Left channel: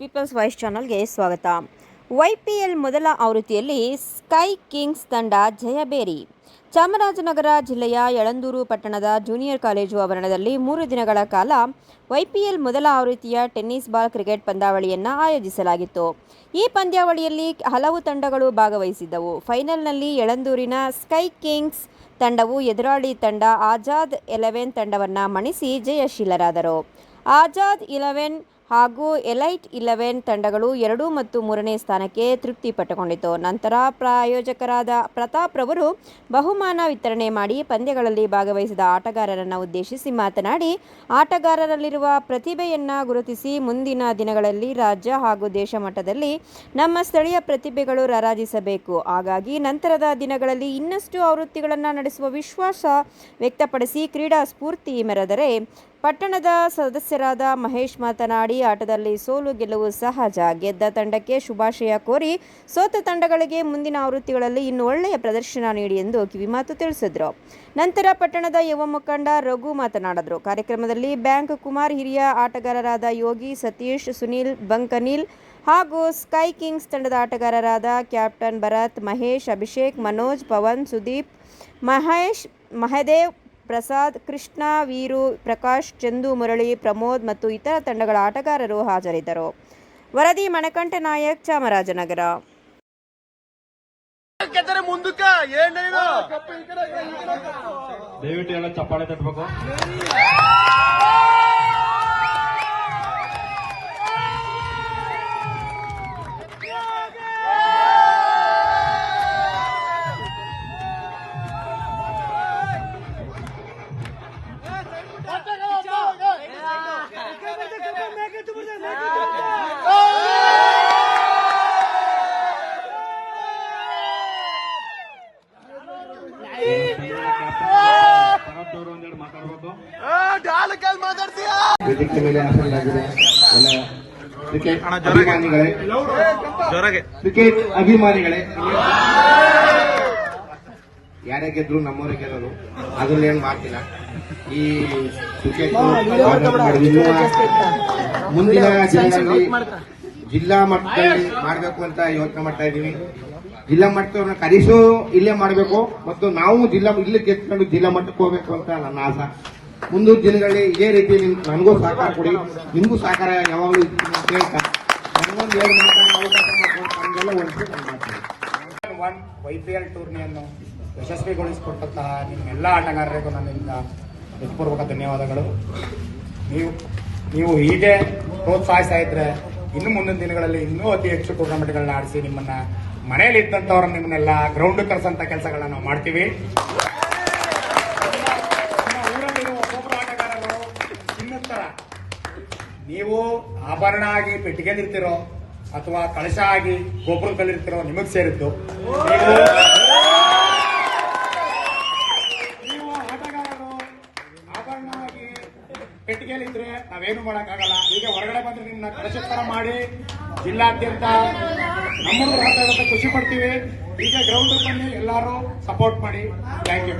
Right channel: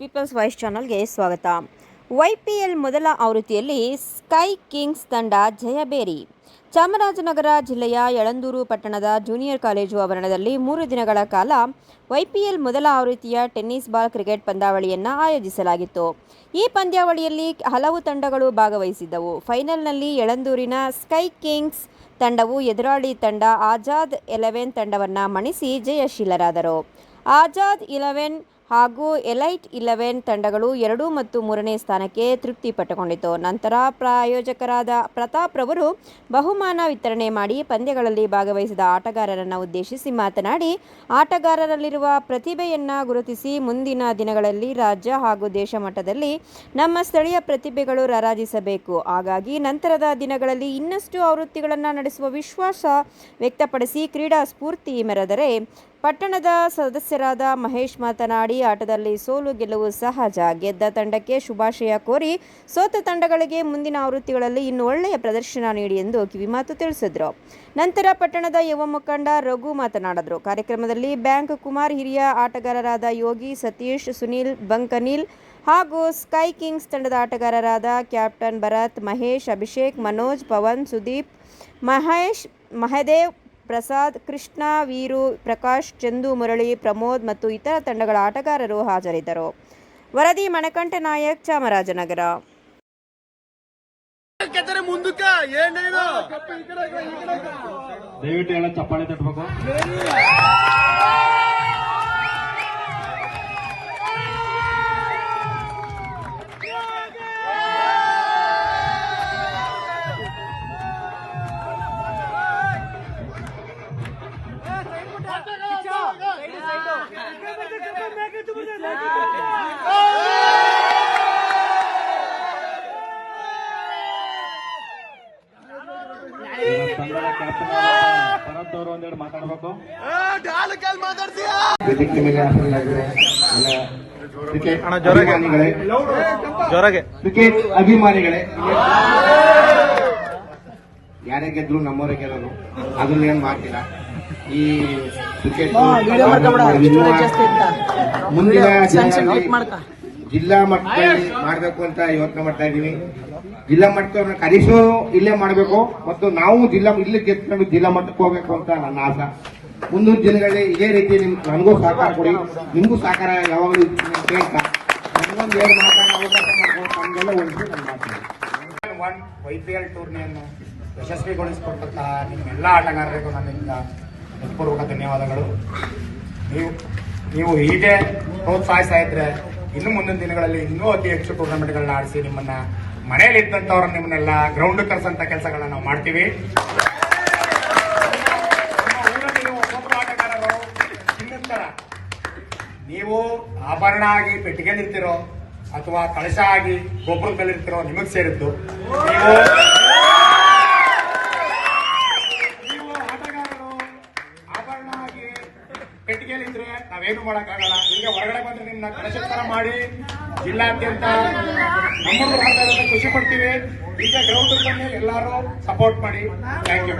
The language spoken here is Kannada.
ಪೀಪಲ್ಸ್ ವಾಯ್ಸ್ ಚಾನಲ್ಗೆ ಸ್ವಾಗತ. YPL ಮೊದಲ ಆವೃತ್ತಿಯಲ್ಲಿ ಸ್ಕೈ ಕಿಂಗ್ಸ್ ತಂಡ ಜಯಬೇರಿ. ಚಾಮರಾಜನಗರ ಜಿಲ್ಲೆಯ ಯಳಂದೂರು ಪಟ್ಟಣದ ಜೂನಿಯರ್ ಕಾಲೇಜು ಆವರಣದಲ್ಲಿ 3 ದಿನಗಳ ಕಾಲ YPL ಮೊದಲ ಆವೃತ್ತಿಯ ಟೆನ್ನಿಸ್ ಬಾಲ್ ಕ್ರಿಕೆಟ್ ಪಂದ್ಯಾವಳಿಯನ್ನು ಆಯೋಜಿಸಲಾಗಿತ್ತು. ಈ ಪಂದ್ಯಾವಳಿಯಲ್ಲಿ ಹಲವು ತಂಡಗಳು ಭಾಗವಹಿಸಿದ್ದವು. ಫೈನಲ್ನಲ್ಲಿ ಯಳಂದೂರಿನ ಸ್ಕೈ ಕಿಂಗ್ಸ್ ತಂಡವು ಎದುರಾಳಿ ತಂಡ ಆಜಾದ್ 11 ತಂಡವನ್ನು ಮಣಿಸಿ ಜಯಶೀಲರಾದರು. ಆಜಾದ್ 11 ಹಾಗೂ ಎಲೈಟ್ 11 ತಂಡಗಳು 2 ಮತ್ತು 3ನೇ ಸ್ಥಾನಕ್ಕೆ ತೃಪ್ತಿಪಟ್ಟುಕೊಂಡಿತು. ನಂತರ ಪ್ರಾಯೋಜಕರಾದ ಪ್ರತಾಪ್ ರವರು ಬಹುಮಾನ ವಿತರಣೆ ಮಾಡಿ ಪಂದ್ಯಗಳಲ್ಲಿ ಭಾಗವಹಿಸಿದ ಆಟಗಾರರನ್ನು ಉದ್ದೇಶಿಸಿ ಮಾತನಾಡಿ, ಆಟಗಾರರಲ್ಲಿರುವ ಪ್ರತಿಭೆಯನ್ನು ಗುರುತಿಸಿ ಮುಂದಿನ ದಿನಗಳಲ್ಲಿ ರಾಜ್ಯ ಹಾಗೂ ದೇಶ ಮಟ್ಟದಲ್ಲಿ ನಮ್ಮ ಸ್ಥಳೀಯ ಪ್ರತಿಭೆಗಳು ರಾರಾಜಿಸಬೇಕು. ಹಾಗಾಗಿ ನಂತರದ ದಿನಗಳಲ್ಲಿ ಇನ್ನಷ್ಟು ಆವೃತ್ತಿಗಳನ್ನು ನಡೆಸುವ ವಿಶ್ವಾಸ ವ್ಯಕ್ತಪಡಿಸಿ ಕ್ರೀಡಾ ಸ್ಫೂರ್ತಿ ಮೆರೆದರೆ. ಪಟ್ಟಣದ ಸದಸ್ಯರಾದ ಮಹೇಶ್ ಮಾತನಾಡಿ, ಆಟದಲ್ಲಿ ಸೋಲು ಗೆಲುವು ಸಹಜ. ಗೆದ್ದ ತಂಡಕ್ಕೆ ಶುಭಾಶಯ ಕೋರಿ ಸೋತ ತಂಡಗಳಿಗೆ ಮುಂದಿನ ಆವೃತ್ತಿಗಳಲ್ಲಿ ಇನ್ನೂ ಒಳ್ಳೆಯ ಪ್ರದರ್ಶನ ನೀಡಿ ಎಂದು ಕಿವಿಮಾತು ತಿಳಿಸಿದರು. ನಂತರ ಪಟ್ಟಣದ ಯುವ ಮುಖಂಡ ರಘು ಮಾತನಾಡಿದರು. ಕಾರ್ಯಕ್ರಮದಲ್ಲಿ ಬ್ಯಾಂಕ್ ಕುಮಾರ್, ಹಿರಿಯ ಆಟಗಾರರಾದ ಯೋಗಿ, ಸತೀಶ್, ಸುನಿಲ್, ಬಂಕನಿಲ್ ಹಾಗೂ ಸ್ಕೈ ಕಿಂಗ್ಸ್ ತಂಡದ ಆಟಗಾರರಾದ ಕ್ಯಾಪ್ಟನ್ ಭರತ್, ಮಹೇಶ್, ಅಭಿಷೇಕ್, ಮನೋಜ್, ಪವನ್, ಸುದೀಪ್, ಮಹೇಶ್, ಮಹದೇವ್, ಪ್ರಸಾದ್, ಕೃಷ್ಣ, ವೀರು, ಪ್ರಕಾಶ್, ಚಂದು, ಮುರಳಿ, ಪ್ರಮೋದ್ ಮತ್ತು ಇತರ ತಂಡಗಳ ಆಟಗಾರರು ಹಾಜರಿದ್ದರು. ವರದಿ ಮಣಕಂಠ ನಾಯಕ್, ಚಾಮರಾಜನಗರ. ದಯವಿಟ್ಟು ಎಲ್ಲ ಚಪ್ಪಾಳೆ ತಟ್ಟಬೇಕು. ತಂಡದ ಕ್ಯಾಪ್ಟನ್ ಭರತ್ ಅವರು ಒಂದೆರಡು ಮಾತಾಡಬೇಕು. ಕ್ರಿಕೆಟ್ ಅಭಿಮಾನಿಗಳೇ, ಯಾರೇ ಗೆದ್ರು ನಮ್ಮವರೇ ಗೆಲ್ಲೋದು, ಅದನ್ನ ಏನ್ ಮಾಡ್ತಿಲ್ಲ. ಈ ಕ್ರಿಕೆಟ್ ಮುಂದಿನ ದಿನಗಳಲ್ಲಿ ಜಿಲ್ಲಾ ಮಟ್ಟದಲ್ಲಿ ಮಾಡಬೇಕು ಅಂತ ಯೋಚನೆ ಮಾಡ್ತಾ ಇದ್ದೀನಿ. ಜಿಲ್ಲಾ ಮಟ್ಟದವ್ರನ್ನ ಕರೆಸೋ ಇಲ್ಲೇ ಮಾಡಬೇಕು ಮತ್ತು ನಾವು ಇಲ್ಲಿ ಗೆದ್ಕೊಂಡು ಜಿಲ್ಲಾ ಮಟ್ಟಕ್ಕೆ ಹೋಗ್ಬೇಕು ಅಂತ ನನ್ನ ಆಸೆ. ಮುಂದಿನ ದಿನಗಳಲ್ಲಿ ಇದೇ ರೀತಿ ನನಗೂ ಸಹಕಾರ ಕೊಡಿ, ನಿಮಗೂ ಸಹಕಾರ ಯಾವಾಗಲೂ ಕೇಳ್ತಾ ನನ್ನೊಂದು ಏನು ಮಾತಾಡೋ ಅವಕಾಶ ನಮಗೆಲ್ಲ YPL ಟೂರ್ನಿಯನ್ನು ಯಶಸ್ವಿಗೊಳಿಸಿಕೊಟ್ಟಂತಹ ನಿಮ್ಮೆಲ್ಲ ಆಟಗಾರರಿಗೂ ನನ್ನಿಂದ ಹೃತ್ಪೂರ್ವಕ ಧನ್ಯವಾದಗಳು. ನೀವು ಹೀಗೆ ಪ್ರೋತ್ಸಾಹಿಸ್ತಾ ಇದ್ರೆ ಇನ್ನು ಮುಂದಿನ ದಿನಗಳಲ್ಲಿ ಇನ್ನೂ ಅತಿ ಹೆಚ್ಚು ಟೂರ್ನಮೆಂಟ್ಗಳನ್ನ ಆಡಿಸಿ ನಿಮ್ಮನ್ನ ಮನೆಯಲ್ಲಿ ಇದ್ದಂಥವ್ರನ್ನ ನಿಮ್ಮನ್ನೆಲ್ಲ ಗ್ರೌಂಡ್ ಕರೆಸಂತ ಕೆಲಸಗಳನ್ನ ನಾವು ಮಾಡ್ತೀವಿ. ಊರಲ್ಲಿರುವ ಒಬ್ಬೊಬ್ಬರು ಆಟಗಾರರು ಇನ್ನೊಂದರ ನೀವು ಆಭರಣ ಆಗಿ ಪೆಟ್ಟಿಗೆಲಿರ್ತಿರೋ ಅಥವಾ ಕಳಶ ಆಗಿ ಗೊಬ್ಬರ ಕಲ್ಲಿರ್ತಿರೋ ನಿಮಗೆ ಸೇರಿದ್ದು. ನೀವು ಆಟಗಾರರು ಆಭರಣ ಆಗಿ ಪೆಟ್ಟಿಗೆಲಿದ್ರೆ ನಾವೇನು ಮಾಡೋಕ್ಕಾಗಲ್ಲ. ಈಗ ಹೊರಗಡೆ ಬಂದ್ರೆ ನಿಮ್ಮನ್ನ ಕಳಶೋತ್ತರ ಮಾಡಿ ಜಿಲ್ಲಾದ್ಯಂತ ನಮ್ಮನ್ನು ಖುಷಿ ಪಡ್ತೀವಿ. ಈಗ ಗ್ರೌಂಡ್ ಬನ್ನಿ, ಎಲ್ಲರೂ ಸಪೋರ್ಟ್ ಮಾಡಿ. Thank you.